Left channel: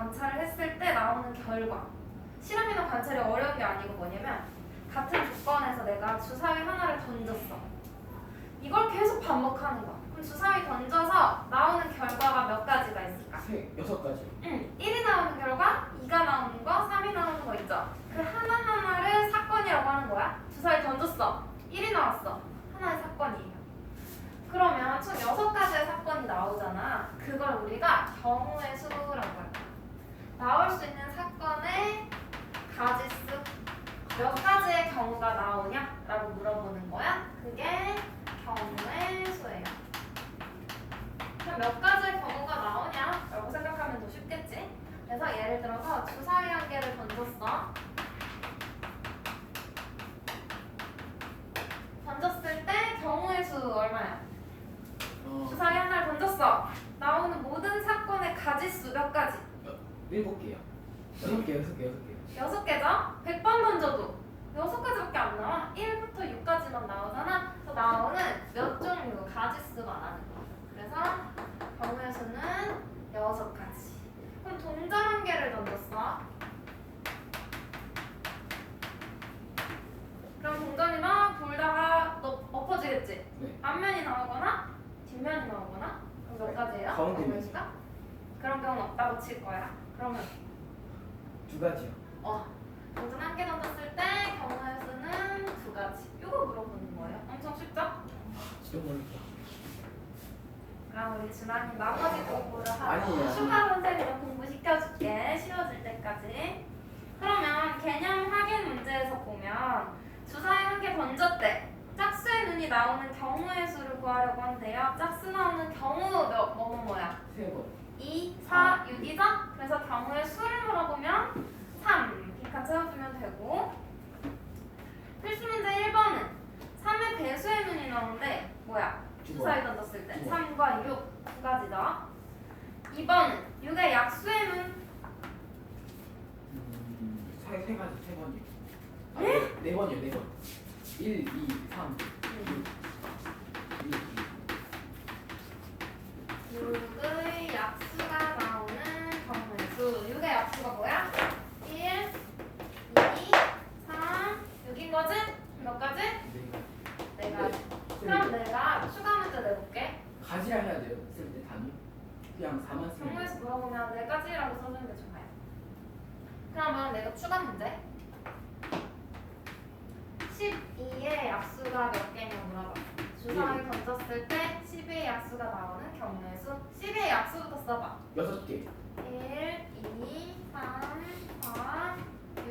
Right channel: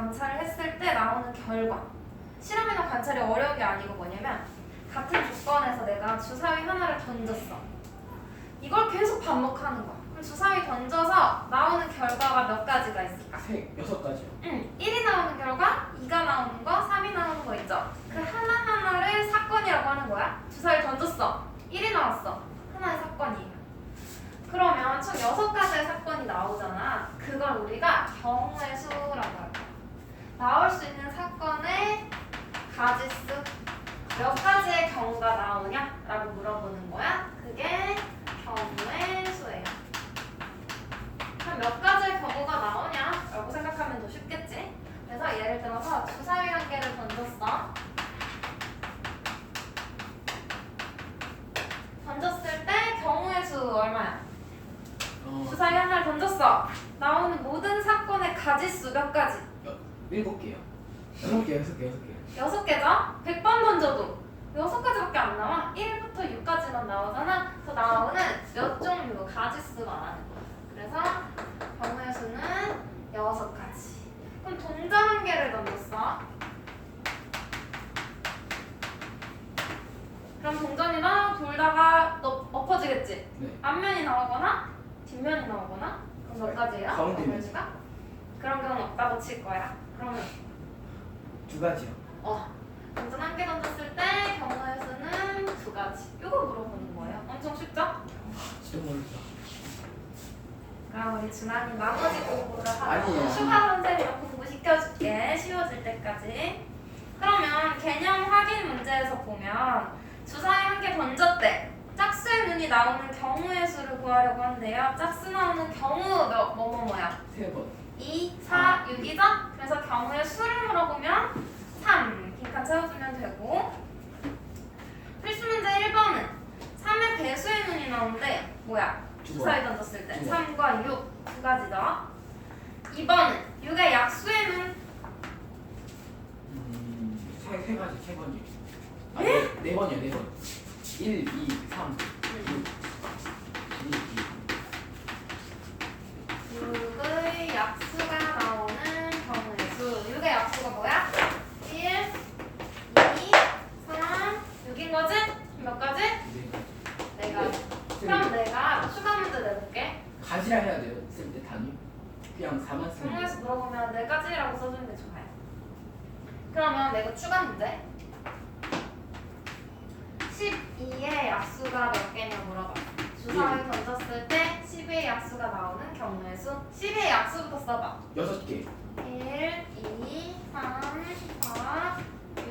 관찰을 했을 때 나오는 결과. 실험이나 관찰이 어려운 게 아니고 뭐냐면 같은 조건에서 내가 주사위 하나를 던졌어. 이걸 계속 반복하는 거야. 그럼 주사위 던져서 나오는 결과가 몇 가지가 있을까? 6가지요. 1이 나오는 결과, 2가 나오는 거, 3이 나오는 거 있죠? 그 하나하나를 사건이라고 하는 거야. 주사위 던졌어. 1이 나왔어. 하나의 사건이에요. 그러면 총 6가지의 사건이 나오잖아. 그걸 우리가 경우의 수라고 할 거야. 나올 수 있는 사건의 가지수 몇 가지의 경우가 나오냐? 라고 물어보는 거야. 그게 경우의 수예요. 그럼 몇 가지의 경우가 나오냐? 라고 생각하면 더 쉽겠지? 그래서 예를 들어서 주사위 한 개를 던졌어. 던졌을 때 경우의 수 얼마야? 주사위 하나를 던졌어. 나오는 모든 사건의 가지수 몇 가지? 7개요. 6개. 6개죠? 100번 던져도 6가지밖에 안 나와. 1부터 6까지만 나오잖아. 더 나오는 몇 종류 가지수 말하는 거야. 그래서 경우의 수는 6가지. 그럼 동전 한 개를 던졌어. 그럼 동전이랑 돌다가 엎어지겠지? 네. 앞면이 나오거나 뒷면이 나오거나. 그럼 몇 가지예요? 가운데 경우의 수가? 그런 경우는 없다고 칠 거야. 그러면 2가지요. 동전 한 개 던졌을 때 경우의 수는 2가지. 이거 물어보는 거예요. 엄청 쉽죠? 진짜 모르겠다. 그럼 우리 준환이 나머지 공부를 하고 아니에요. 추가 선생님이랑 공부 시켜줄게. 쉬워질 때까지. 그러면 개념 확인 문제에서 보면 주사위 한 개 던졌대. 짝수의 눈이 나오는 경우의 수를 구하려고 한대요. 짝수 나오는 경우 뭐야? 3번. 2, 4, 6이죠? 그래서 경우의 수를 물어보면 3 빈칸 채워주면 되고, 필수 문제 1번은 3의 배수의 눈이 나오는데 뭐야? 주사위 던졌을 때 3과 6 두 가지죠. 2번은 6의 약수의 눈. 3가지, 3번이요. 네? 4번이요, 4번. 1, 2, 3, 6, 6의 약수가 나오는 경우의 수. 6의 약수가 뭐야? 1, 2, 3, 6인 거지? 몇 가지? 4가지. 그럼 내가 추가 문제 내볼게. 가지라 해야 돼요. 쓸 때 단위. 그냥 4만 쓰면 경우의 수 물어보면 4가지라고 써주는 게 좋아요. 그러면 내가 추가 문제. 12의 약수가 몇 개냐 물어봐. 주사위 던졌을 때 12의 약수가 나오는 경우의 수. 12의 약수부터 써봐. 6개. 1, 2, 3, 4, 6,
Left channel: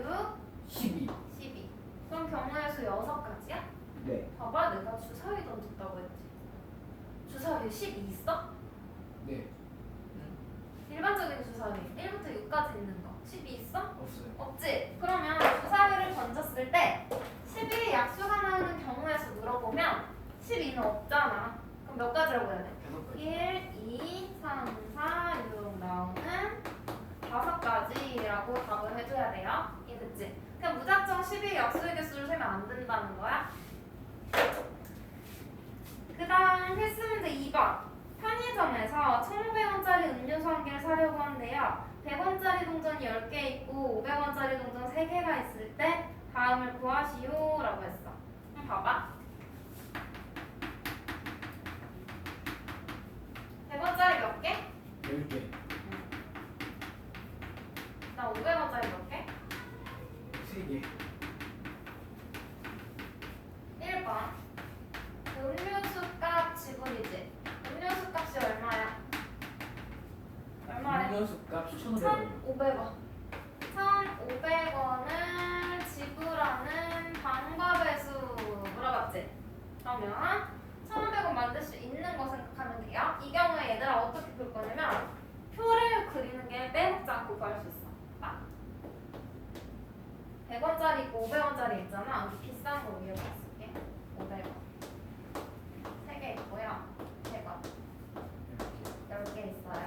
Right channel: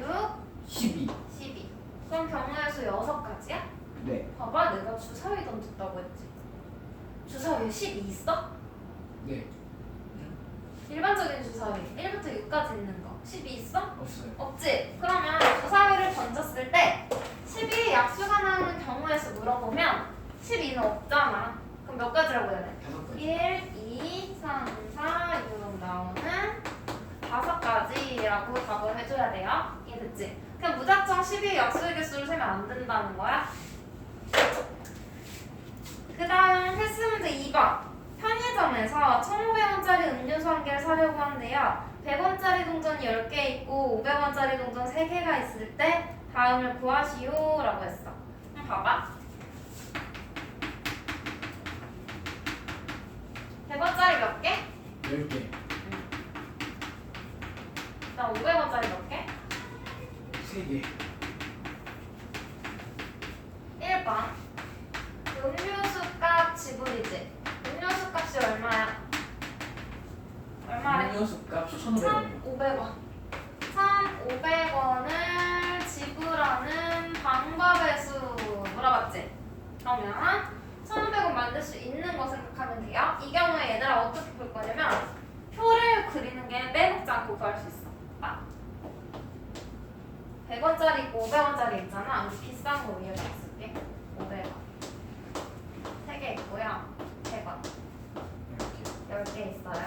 12. 12. 그럼 경우의 수 6가지야? 네. 봐봐, 내가 주사위 던졌다고 했지. 주사위에 12 있어? 네. 일반적인 주사위 1부터 6까지 있는 거 12 있어? 없어요. 없지? 그러면 주사위를 던졌을 때 12의 약수가 나오는 경우의 수 물어보면 12는 없잖아. 그럼 몇 가지라고 해야 돼? 5가지. 1, 2, 3, 4, 6 나오는 5가지라고 답을 해줘야 돼요. 이해됐지? 그냥 무작정 12의 약수의 개수를 세면 안 된다는 거야. 그 다음 필수 문제 2번. 편의점에서 1,500원짜리 음료수 한 개를 사려고 하는데요. 100원짜리 동전이 10개 있고 500원짜리 동전 3개가 있을 때 다음을 구하시오 라고 했어. 그럼 봐봐. 100원짜리 몇 개? 10개. 그다음 500원짜리 몇 개? 3개. 1번. 음료수 값 지불이지. 음료수 값이 얼마야? 얼마래? 음료수 값이 1,500원이요. 1,500원. 1,500원을 지불하는 방법의 수 물어봤지? 그러면 1,500원 만들 수 있는 거 생각하면 돼요. 이 경우에 얘들아 어떻게 볼 거냐면 표를 그리는 게 빼먹지 않고 구할 수 있어. 100원짜리 있고 500원짜리 있잖아. 우리 비싼 거 위에 쓸게. 500원. 3개 있고요. 100원. 10개 있어요.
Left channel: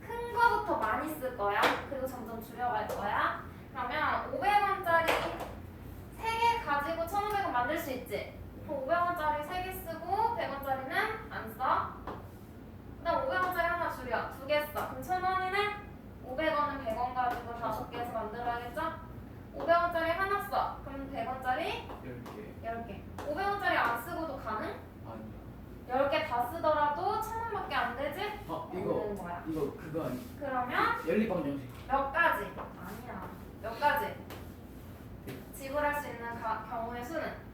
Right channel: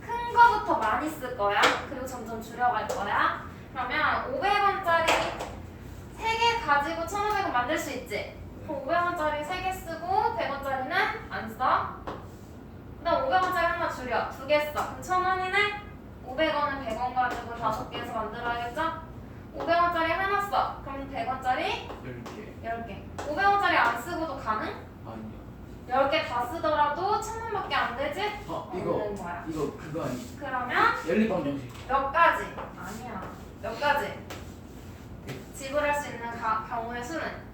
큰 거부터 많이 쓸 거야. 그리고 점점 줄여갈 거야. 그러면 500원짜리 3개 가지고 1,500원 만들 수 있지? 그럼 500원짜리 3개 쓰고 100원짜리는 안 써. 그다음 500원짜리 하나 줄여. 2개 써. 그럼 1,000원이네? 500원은 100원 가지고 5개에서 만들어야겠죠? 500원짜리 하나 써. 그럼 100원짜리 10개 10개. 500원짜리 안 쓰고도 가능? 아니야 10개 다 쓰더라도 1,000원밖에 안 되지? 이거 없는 거야. 이거 그거 아니 그러면 연립방 정식 몇 가지? 아니야. 몇 가지? 지불할 수 있는 경우의 수는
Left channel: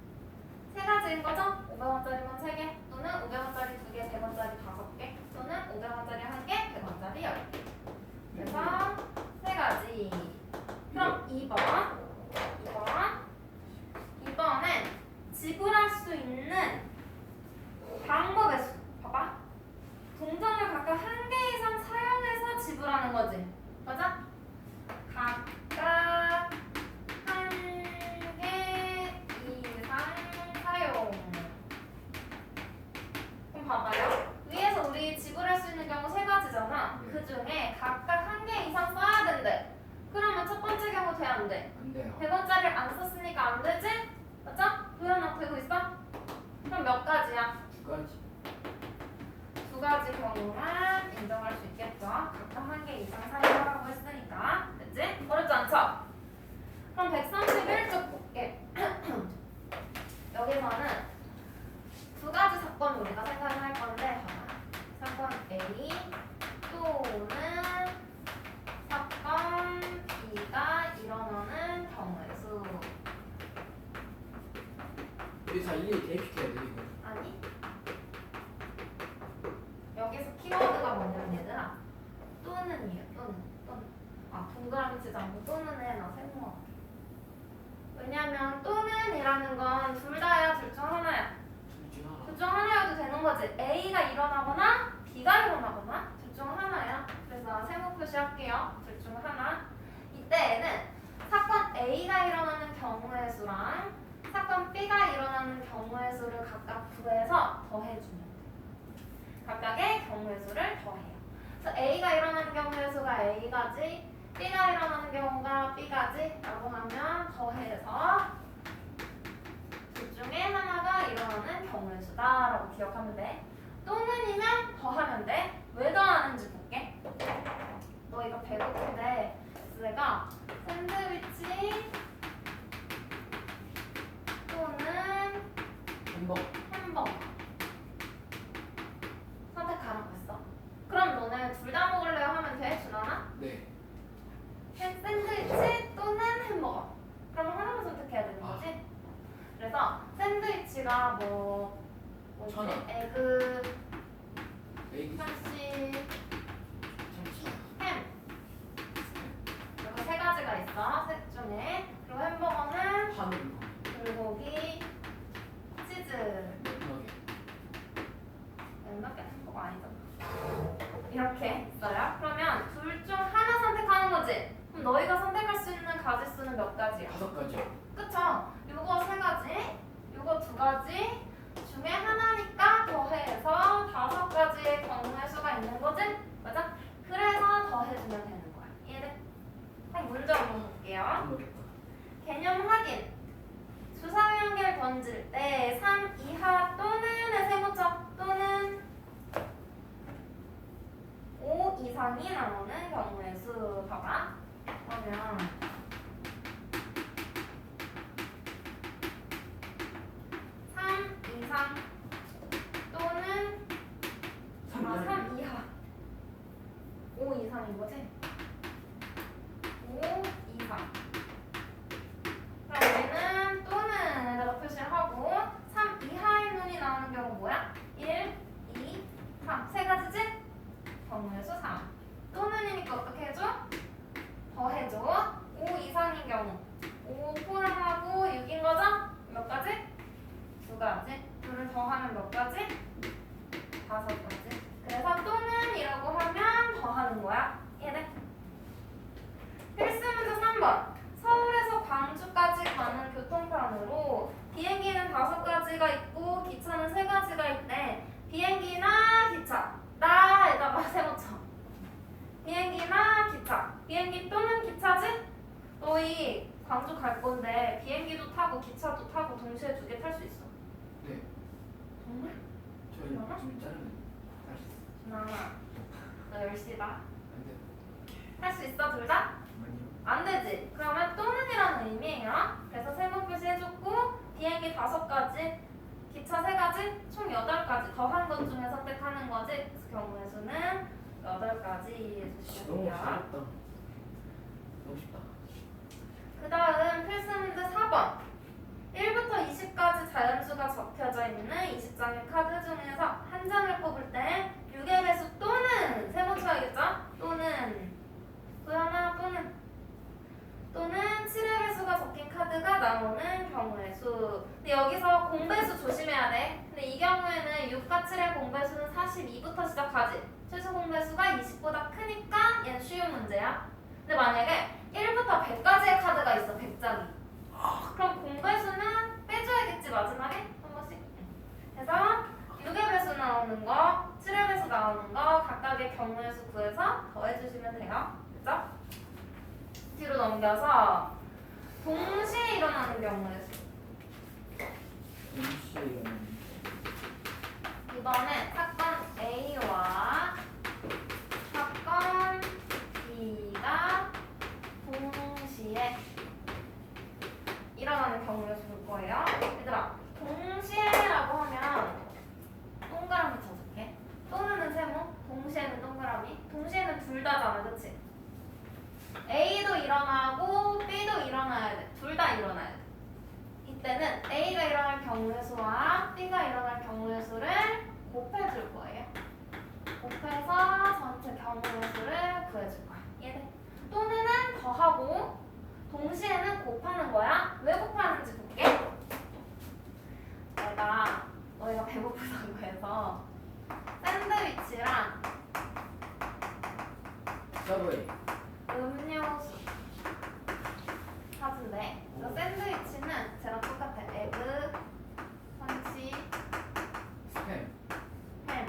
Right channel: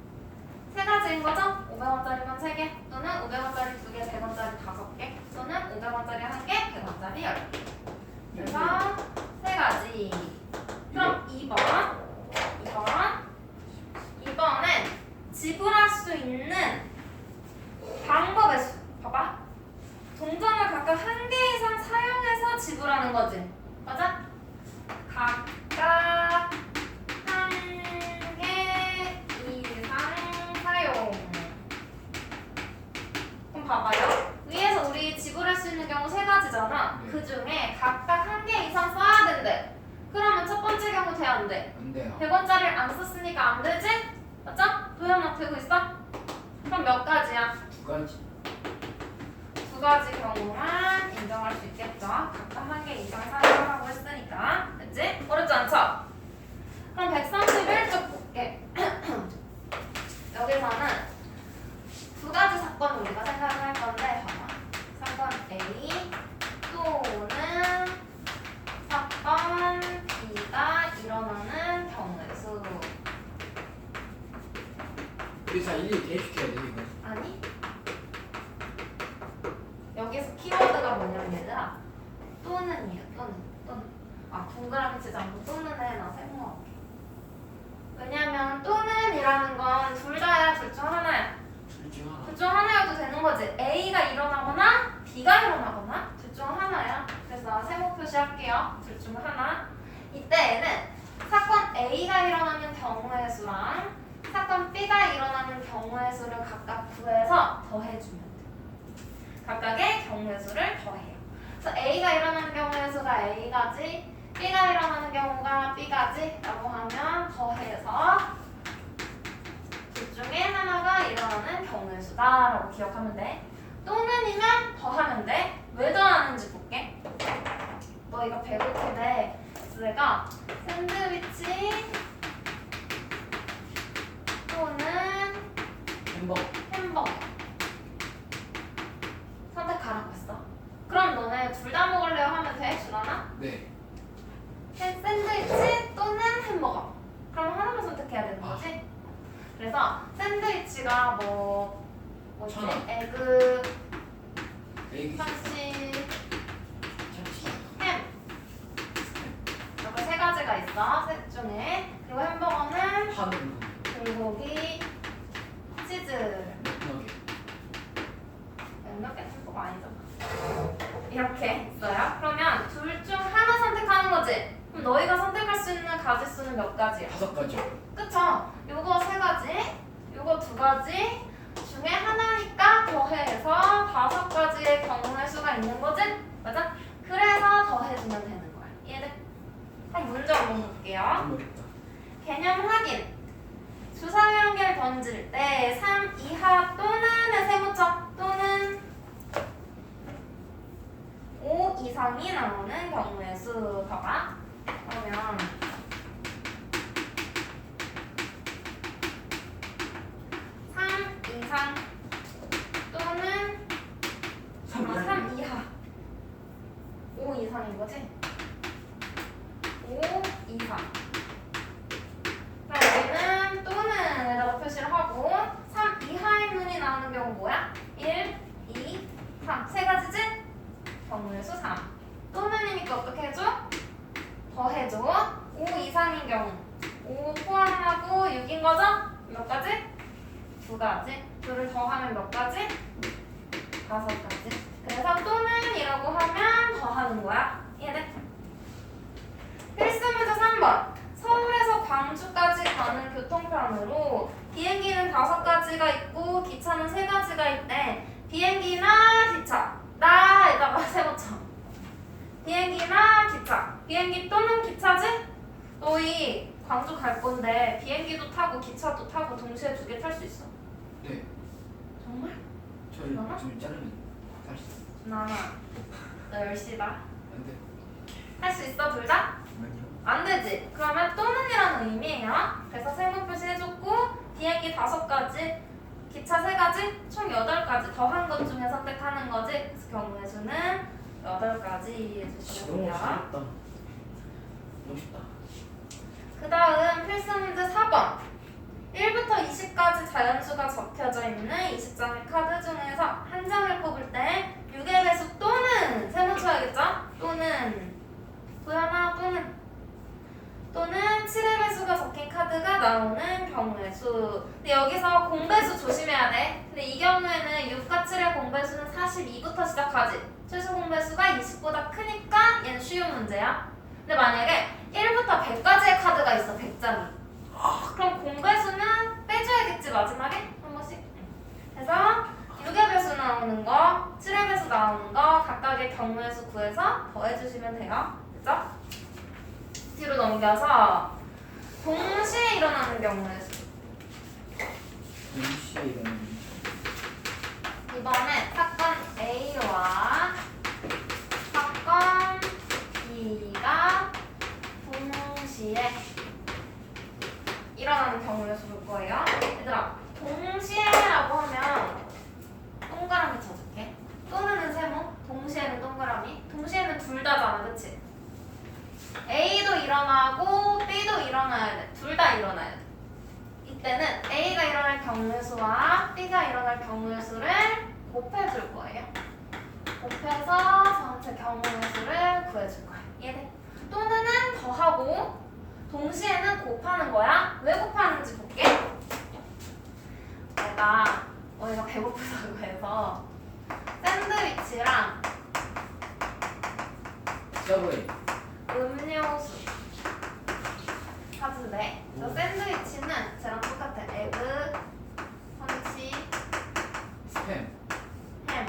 3가지인 거죠? 500원짜리만 3개 또는 500원짜리 2개, 100원짜리 5개 또는 500원짜리 1개, 100원짜리 10개. 그래서 3가지. 그럼 2번은 지불할 수 있는 방법의 수. 봐봐. 동전을 각각 1개 이상 사용해서 지불하는 거지. 맞아? 각각 1개 이상 사용. 그럼 봐봐요. 위에서 우리 지불할 수 있는 경우 3가지잖아. 네. 그 중에 각각 1개 이상 써야 된대. 그러면 첫 번째 경우 돼, 안 돼? 안 돼요 100원짜리를 안 썼으니까 안 되지? 맞죠? 도현아 되고 있어? 그럼 몇 가지야? 2가지 2가지 경우만 인정할 수 있겠죠? 각각 1개 이상 사용하라고 했으니까. 됐지? 어렵지 않죠? 그럼 131쪽 볼게. 여기서는 2가지 사건을 우리가 생각을 할 건데, 봐봐. 사건 A 또는 사건 B가 일어나는 경우의 수. 우리 다 일일이 대입시켜야 돼 이거 아니? 여기서 키워드가 뭐냐면 얘들아, 또는이에요. 또는. 아, 동그라미 치지 않고 또는 해. 나 세모할게. 왜냐면 또는이라는 건 둘 다야, 둘 중 하나야. 둘중 하나 둘 중 하나여도 되는 거지. A가 일어나거나 B가 일어나거나 둘 중 하나야. 그래서 나 세모 표시할게요. 둘 중 하나. 이때에는 사건 A가 일어나는 경우의 수랑 사건 B가 일어나는 경우의 수를 각각 구해서 더해주면 돼. 각각의 경우의 수를 더해요. 그래서 A가 일어나는 경우의 수가 A가지, B가 일어나는 경우가 B가지라고 하면 더해서 둘 중에 하나가 일어나는 경우의 수다라고 기억하면 돼. 또는이면 더하면 돼. 왜 더하는지 볼게. 너 이거 배울 텐데 내가 샌드위치 또는 햄버거 선택하라고 했어. 그럼 너네 둘 다 먹을래요 하면 돼? 준하나? 네 샌드위치 또는 햄버거. 그럼 하나만 선택해야 되는 거지? 그래서 샌드위치가 뭐지? 1,000원. 에그, 에이 참치, 참치 햄. 이렇게 3가지가 있어. 셋 중에. 그리고 햄버거는 한우 불고기, 치즈. 맥너겟 몇몇 개 햄버거 아니잖아. 이렇게 있어요. 그러면 둘 중 하나 선택하는 거지. 그럼 너희가 선택할 수 있는 가지수는 몇 가지야? 5가지요 그쵸? 요거 3가지, 요거 2가지 중에 하나니까 더해서 5가지의 경우의 수가 있는 거지? 맞아? 그래서 더해주면 되는 거야. 이해돼? 한 문제 한번 볼게요. 모르겠다 개념 확인. 주사위 한 개를 던질 때 3 이하 또는의 세모쳐. 또는 5 이상이 나오는 경우의 수. 봐봐. 그러면 3 이상 또는 3 이하 5 이상인 거지? 5 이상. 그럼 여기는 또는에다가 표시를 하고 3 이하의 문이 나오는 경우 뭐야? 1, 2, 3 3가지지? 경우의 수 3. 또는이니까 어떻게 해줘? 더해줘. 5 이상인 경우 5 포함하고 6인 거죠? 몇 가지? 2가지. 둘을 더하면 몇 가지? 5가지. 그래서 또는이라고 하면 더하는 거야. 이해돼? 필수 문제 3번. 서울에서 광주까지 가는 교통편으로 비행기는 5가지가 있고 기차는 3가지가 있대. 비행기나 기차. 나에다가 세워쳐. 비행기나 기차. 비행기 또는 기차지? 너희 광주 갈 건데 비행기도 타고 기차도 타고 동시에 2개 탈 수 있어. 네 정말? 저희 나나? 좀 자르면 할수 있어요 나나. 너 10시다. 안 돼. 할 수 있어 둘 다? 아니요. 안 되지. 그러면 또는이라는 의미예요. 그래서 세모 표시 해줬고 비행기 5가지, 기차 3가지, 총 8가지 더한 것 중에 선택하는 거지. 그래서 경우의 수는 8가지 해주시면 너무 돼요. 쉽다. 멋있다. 그 다음 필수 문제 4번. 1부터 20까지 자연수가 적혀져 있는 20장의 카드 중에서 한 장을 뽑을 때 6의 배수 또는 세모 쳐야겠죠? 또는 도연아 또는 7의 배수가 적힌 카드가 나오는 경우의 수. 근데 여기서 공배수 조심해야 돼. 근데 이 경우에는 6과 7의 공배수는 42부터 시작하지. 최소 공배수가 20보다 크니까 얘는 쉬운 문제야. 근데 만약에 1부터 100까지의 카드가 있어. 100장이. 그럼 공배수는 빼줘야겠지 마지막에? 한 번씩. 그래서 6의 배수 나오는 거, 7의 배수 나오는 거 각각의 경우의 수 구해서 더해주시면 돼요. 됐죠? 뒤로 넘겨서 동시에 일어나는 경우의 수. 동시에 일어나는 이번에 사건 A와 사건 B가 동시에 일어나는 경우를 볼 거예요. 얘들아, 동시에라고 하면 동그라미 쳐줄게. 또는 세모, 동시에는 동그라미. 동시에는 둘 다잖아, 그치? A도 일어나고 B도 일어나야 돼. 둘 다 일어나야 돼. 이때는 A가 일어날 경우의 수와 B가 일어날 경우의 수를 곱해줄 거예요. 곱해서 전체 경우의 수를 구해줄 거야. 이해돼? 또는 더하고 동시에는 곱하는 거야. 왜 곱하는지 볼게. 내가 어디가 배고프다고 해서 샌드위치랑 서브웨이. 음료수 사준대. 저 샌드위치는 쟤랑 똑같아. 에그, 선치, 스팸. 햄,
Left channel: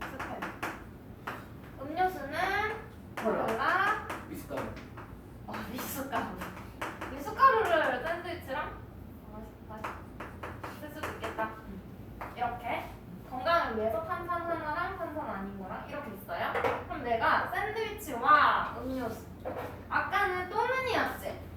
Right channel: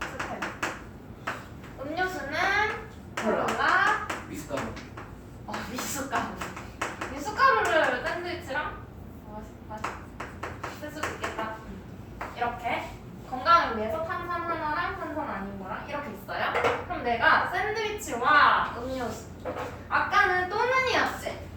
스팸. 음료수는 콜라. 콜라, 미숫가루. 미숫가루. 미숫가루를 샌드위치랑 쓸 수도 있겠다. 이렇게 건강을 위해서 탄산 하나랑 탄산 아닌 거랑 이렇게 있어요. 그럼 내가 샌드위치와 음료수. 아까는 또는이었지.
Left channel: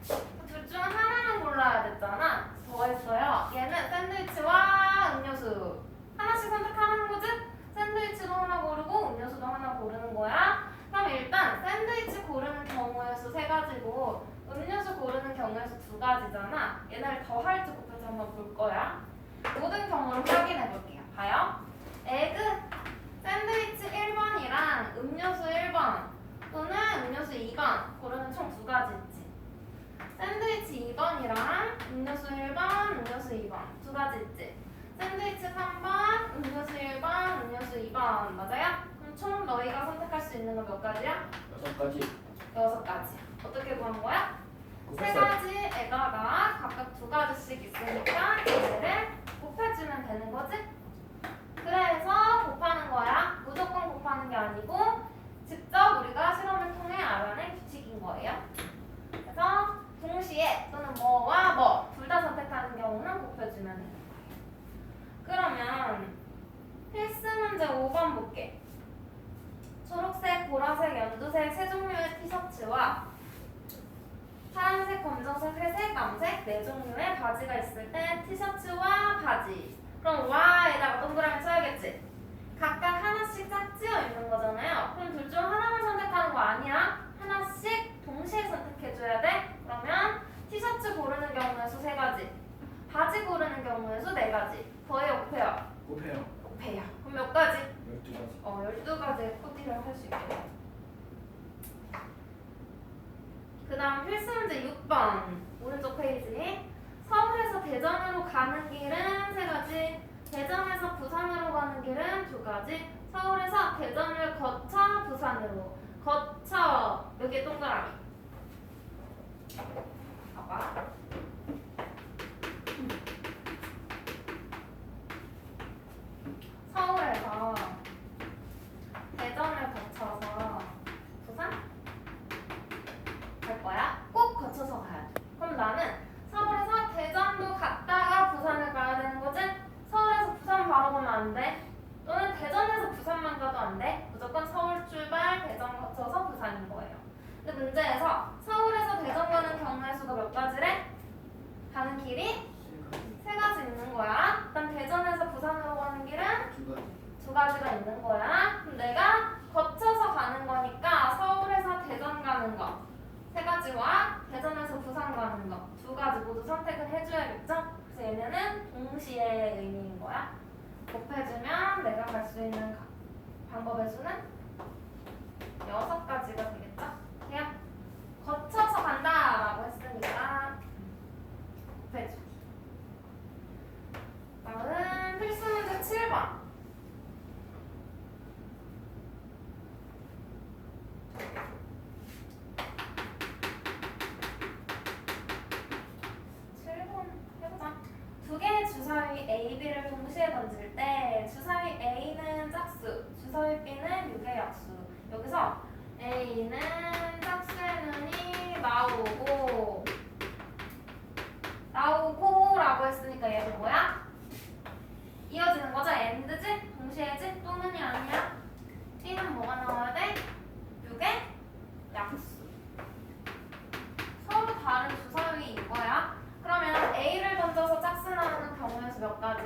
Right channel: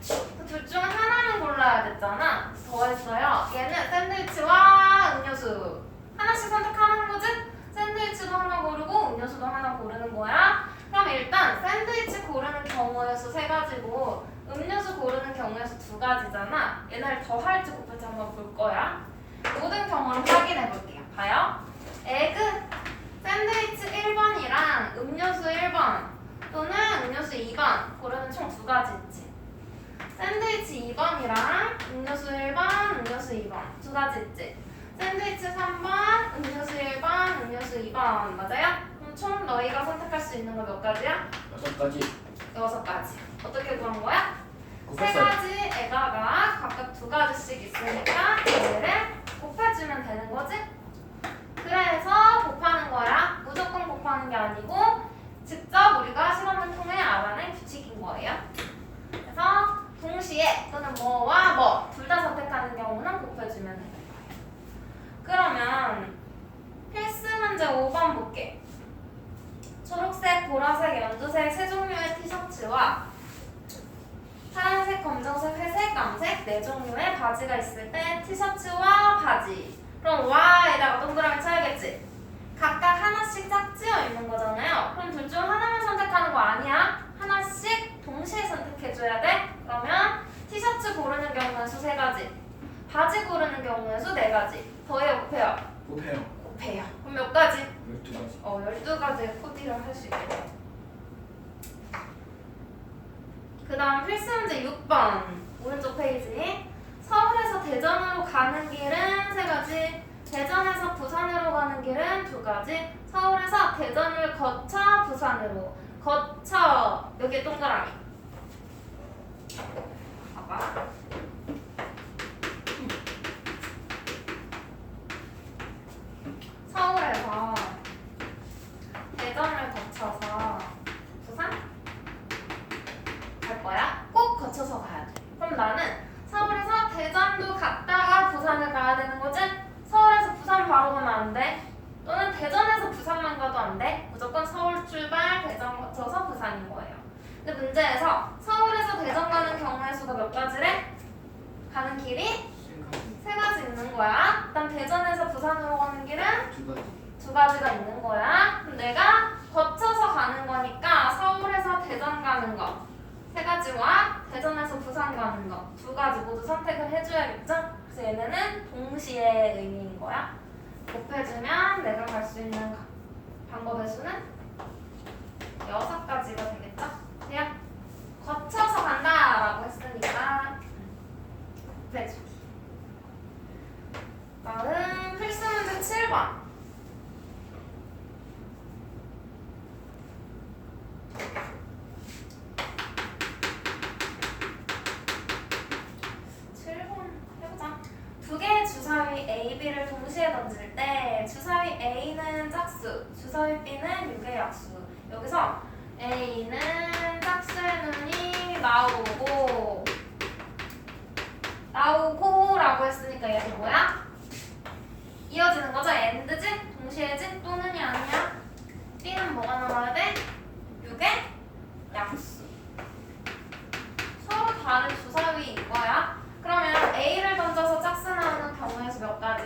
둘 중 하나만 골라야 됐잖아. 더했어요. 얘는 샌드위치와 음료수 하나씩 선택하는 거지? 샌드위치도 하나 고르고 음료수도 하나 고르는 거야. 그럼 일단 샌드위치 고르는 경우의 수 3가지고 음료수 고르는 경우의 수 2가지잖아. 얘네를 더할지 곱할지 한번 볼 거야. 모든 경우를 확인해 볼게요. 봐요. 에그 샌드위치 1번이랑 음료수 1번 또는 음료수 2번 고르는 총 2가지 있지. 샌드위치 2번이랑 음료수 1번, 음료수 2번 2가지 있지. 샌드위치 3번, 음료수 1번, 음료수 2번 맞아요? 그럼 총 너희가 선택할 수 있는 거 몇 가지야? 6가지. 6가지. 어떻게 구한 거야? 곱했어요. 3가지 에가가 각각 2가지씩 있으니까 얘를 곱해주면 되는 거지? 그래서 곱하는 거야. 무조건 곱하는 게 아니고 직접 우리가 실험을 통해 알아낸 규칙인 거예요. 그래서 동시에 또는 뭐와 뭐 둘 다 선택하는 경우는 곱해주면 돼요. 그러면 필수 문제 5번 볼게. 초록색, 보라색, 연두색 세 종류의 티셔츠와 파란색, 검정색, 회색, 남색 네 종류의 바지가 있을 때 티셔츠와 바지. 그럼 와에다가 동그라미 쳐야겠지. 각각 하나씩 짝지어 있는 거잖아요. 그럼 둘 중 하나만 선택하는 거 아니야. 하나씩 동시에 선택해줘야 돼. 그러면 티셔츠 고르는 경우는 수 3가지, 바지 고르는 경우는 수 4가지. 더해요, 곱해요? 곱해요. 곱해요. 그럼 몇 가지? 12가지. 12가지의 코디를 할 수 있겠네. 그 다음 필수 문제 6번 오른쪽 페이지. 서울에서 대전으로 가는 길은 3가지, 대전에서 부산으로 가는 길은 2가지, 서울에서 대전을 거쳐 부산으로 거쳐 여기에 동그라미. 봐봐. 서울에서 대전을 거쳐서 부산 갈 거야? 꼭 거쳐서 가야 돼. 그럼 나는 서울에서 대전도 갔다가 부산을 가야 되는 거지? 서울에서 부산 바로 가면 안 돼. 또는 대전에서 부산만 가도 안 돼. 무조건 서울 출발, 나오는 거 두 가지 모두 선택을 해줘야겠죠? 그래서 얘네는 동시에 의미인 거야. 곱해주면 내가 갈 수 있는 방법의 수는 6가지가 되겠죠? 그냥 거쳐서 간다라고 했으니까 곱해주기. 다음 필수 문제 7번. 해보자. 두 개의 주사위 A, B를 동시에 던질 때 주사위 A는 짝수, 주사위 B는 6의 약수. 여기서 A는 짝수의 눈이 나오고라고 했으니까 얘는 뭐야? 이어지는 거죠? AND지? 동시에지? 또는이 아니야? B는 뭐가 나와야 돼? 6의 약수. 서로 다른 주사위 이거야. 그러면 A를 던져서 짝수 나오는 경우의 수 몇 가지?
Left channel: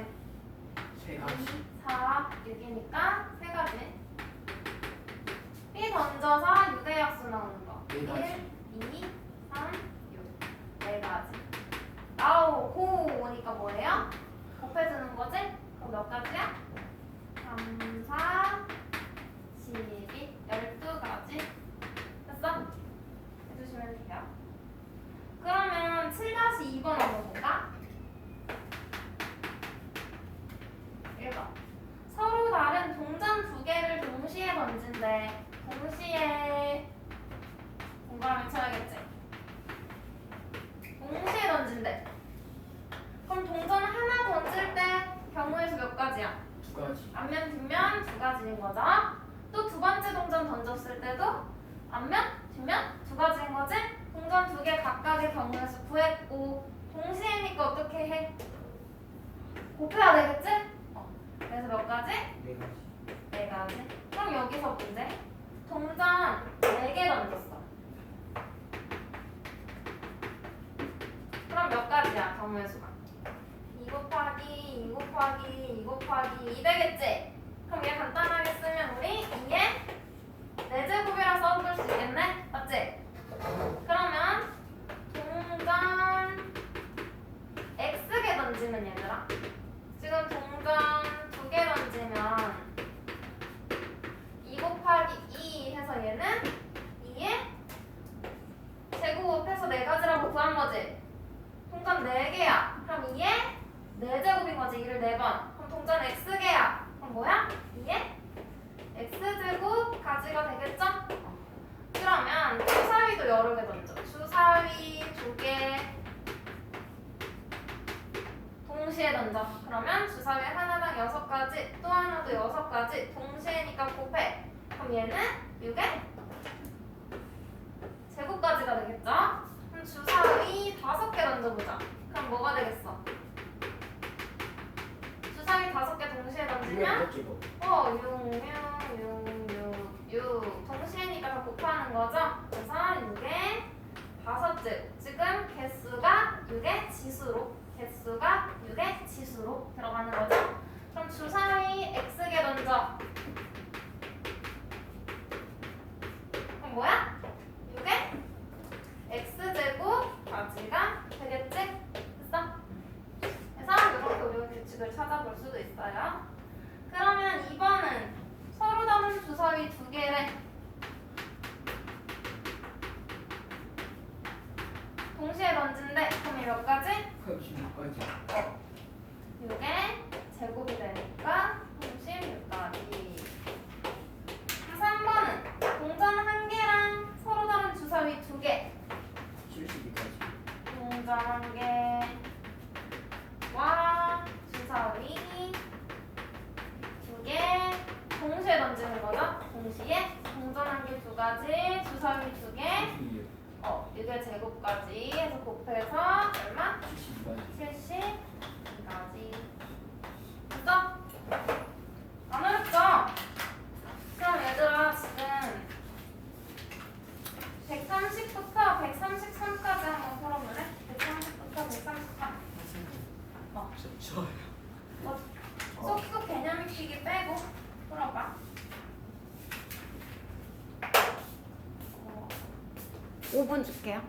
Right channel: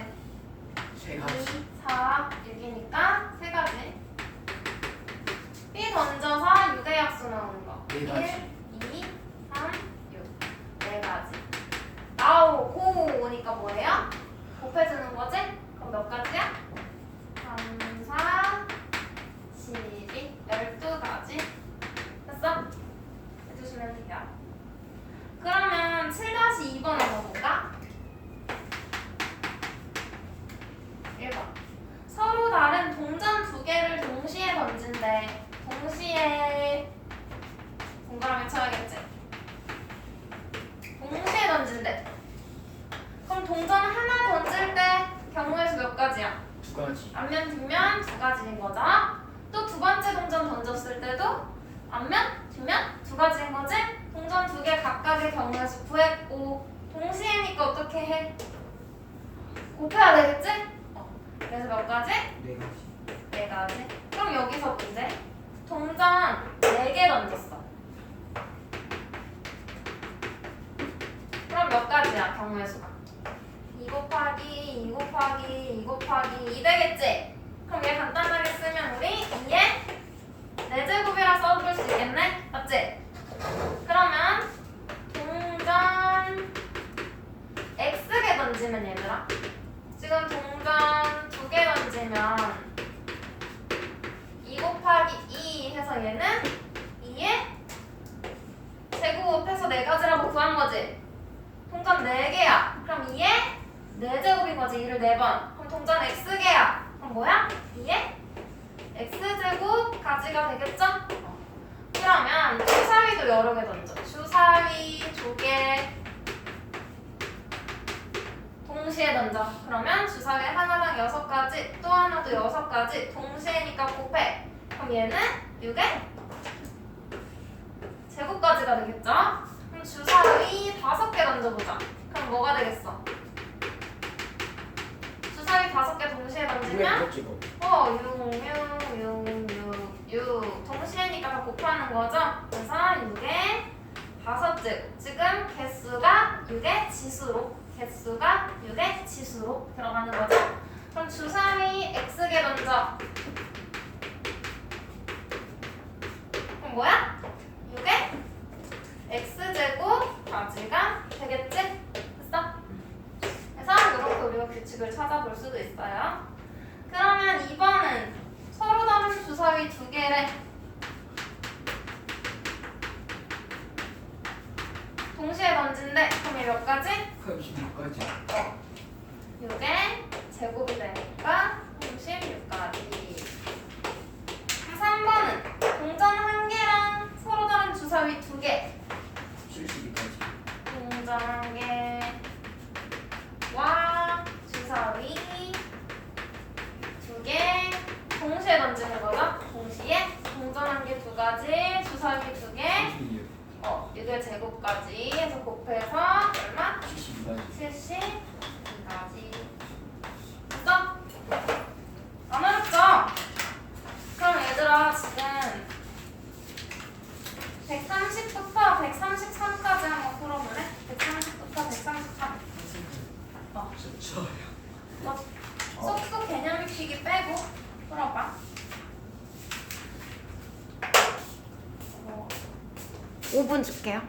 3가지. 4, 6이니까 3가지. B 던져서 6의 약수 나오는 거. 4가지. 1, 2, 3, 6. 4가지. 나오고 오니까 뭐예요? 곱해주는 거지? 그럼 몇 가지야? 3, 4, 12, 12가지. 됐어? 해주시면 돼요. 그러면 7-2번에 넣어볼까? 1번. 서로 다른 동전 두 개를 동시에 던진대. 동시에 동그라미 쳐야겠지? 동시에 던진대. 그럼 동전 하나 던질 때 경우의 수 몇 가지야? 2가지. 앞면 뒷면 2가지인 거죠. 또 두 번째 동전 던졌을 때도 앞면 뒷면 2가지인 거지. 동전 2개 각각의 경우의 수 구했고 동시에니까 어떻게 해? 곱해야 되겠지? 그래서 몇 가지? 4가지. 4가지. 그럼 여기서 문제. 동전 4개 던졌어. 그럼 몇 가지야 경우의 수가? 2 곱하기 2 곱하기 2 곱하기 2 되겠지? 그럼 얘 간단하게 쓰면 우리 2에 4제곱이라 써줄 수 있겠네? 맞지? 그러면 동전 X개 던지면 얘들아 지금 동전 2개 던지면 2 곱하기 2 해서 얘는 2에 제곱 해서 4가지라고 구한 거지? 동전 4개야. 그럼 2에 4제곱인 거지. 2를 4번. 그럼 동전 X개야. 그럼 뭐야? 2에 X제곱까지가 되겠죠? 그러면 주사위도 여러 개 던져. 주사위 2개 동시에 던져. 그러면 주사위 하나당 6가지, 또 하나도 6가지. 동시에니까 곱해. 그럼 얘는 6의 제곱까지가 되겠죠? 그럼 주사위 5개 던져보자. 그럼 뭐가 되겠어? 주사위 5개 동시에 던지면 6 동시에니까 다 곱하는 거죠? 그래서 6의 5제곱. 지금 개수가 6의 지수로 들어가는 거죠? 그럼 주사위 X개 던져. 그럼 뭐야? 6의 X제곱까지가 되겠지? 됐어? 그래서 이렇게 우리가 규칙을 찾아볼 수도 있어요. 그러면 2번은 서로 다른 주사위 2개를 동시에 던진대. 그럼 얘 몇 가지? 36가지. 6의 제곱이 되니까 36가지. 3번은 동전 1개랑 서로 다른 주사위 2개. 72가지. 동전 1개와 주사위 2개 동시에 던지는 거죠? 동시에 동전 1개 2가지, 주사위 2개, 6의 제곱까지 해서 곱해서 얼마? 72가지. 72가지. 됐어? 안 어렵죠? 그럼 얘들아 지금 130부터 133까지 한번 풀어볼래? 130부터 133. 속수 개념 익히기 빼고 풀어봐. 5분 줄게요.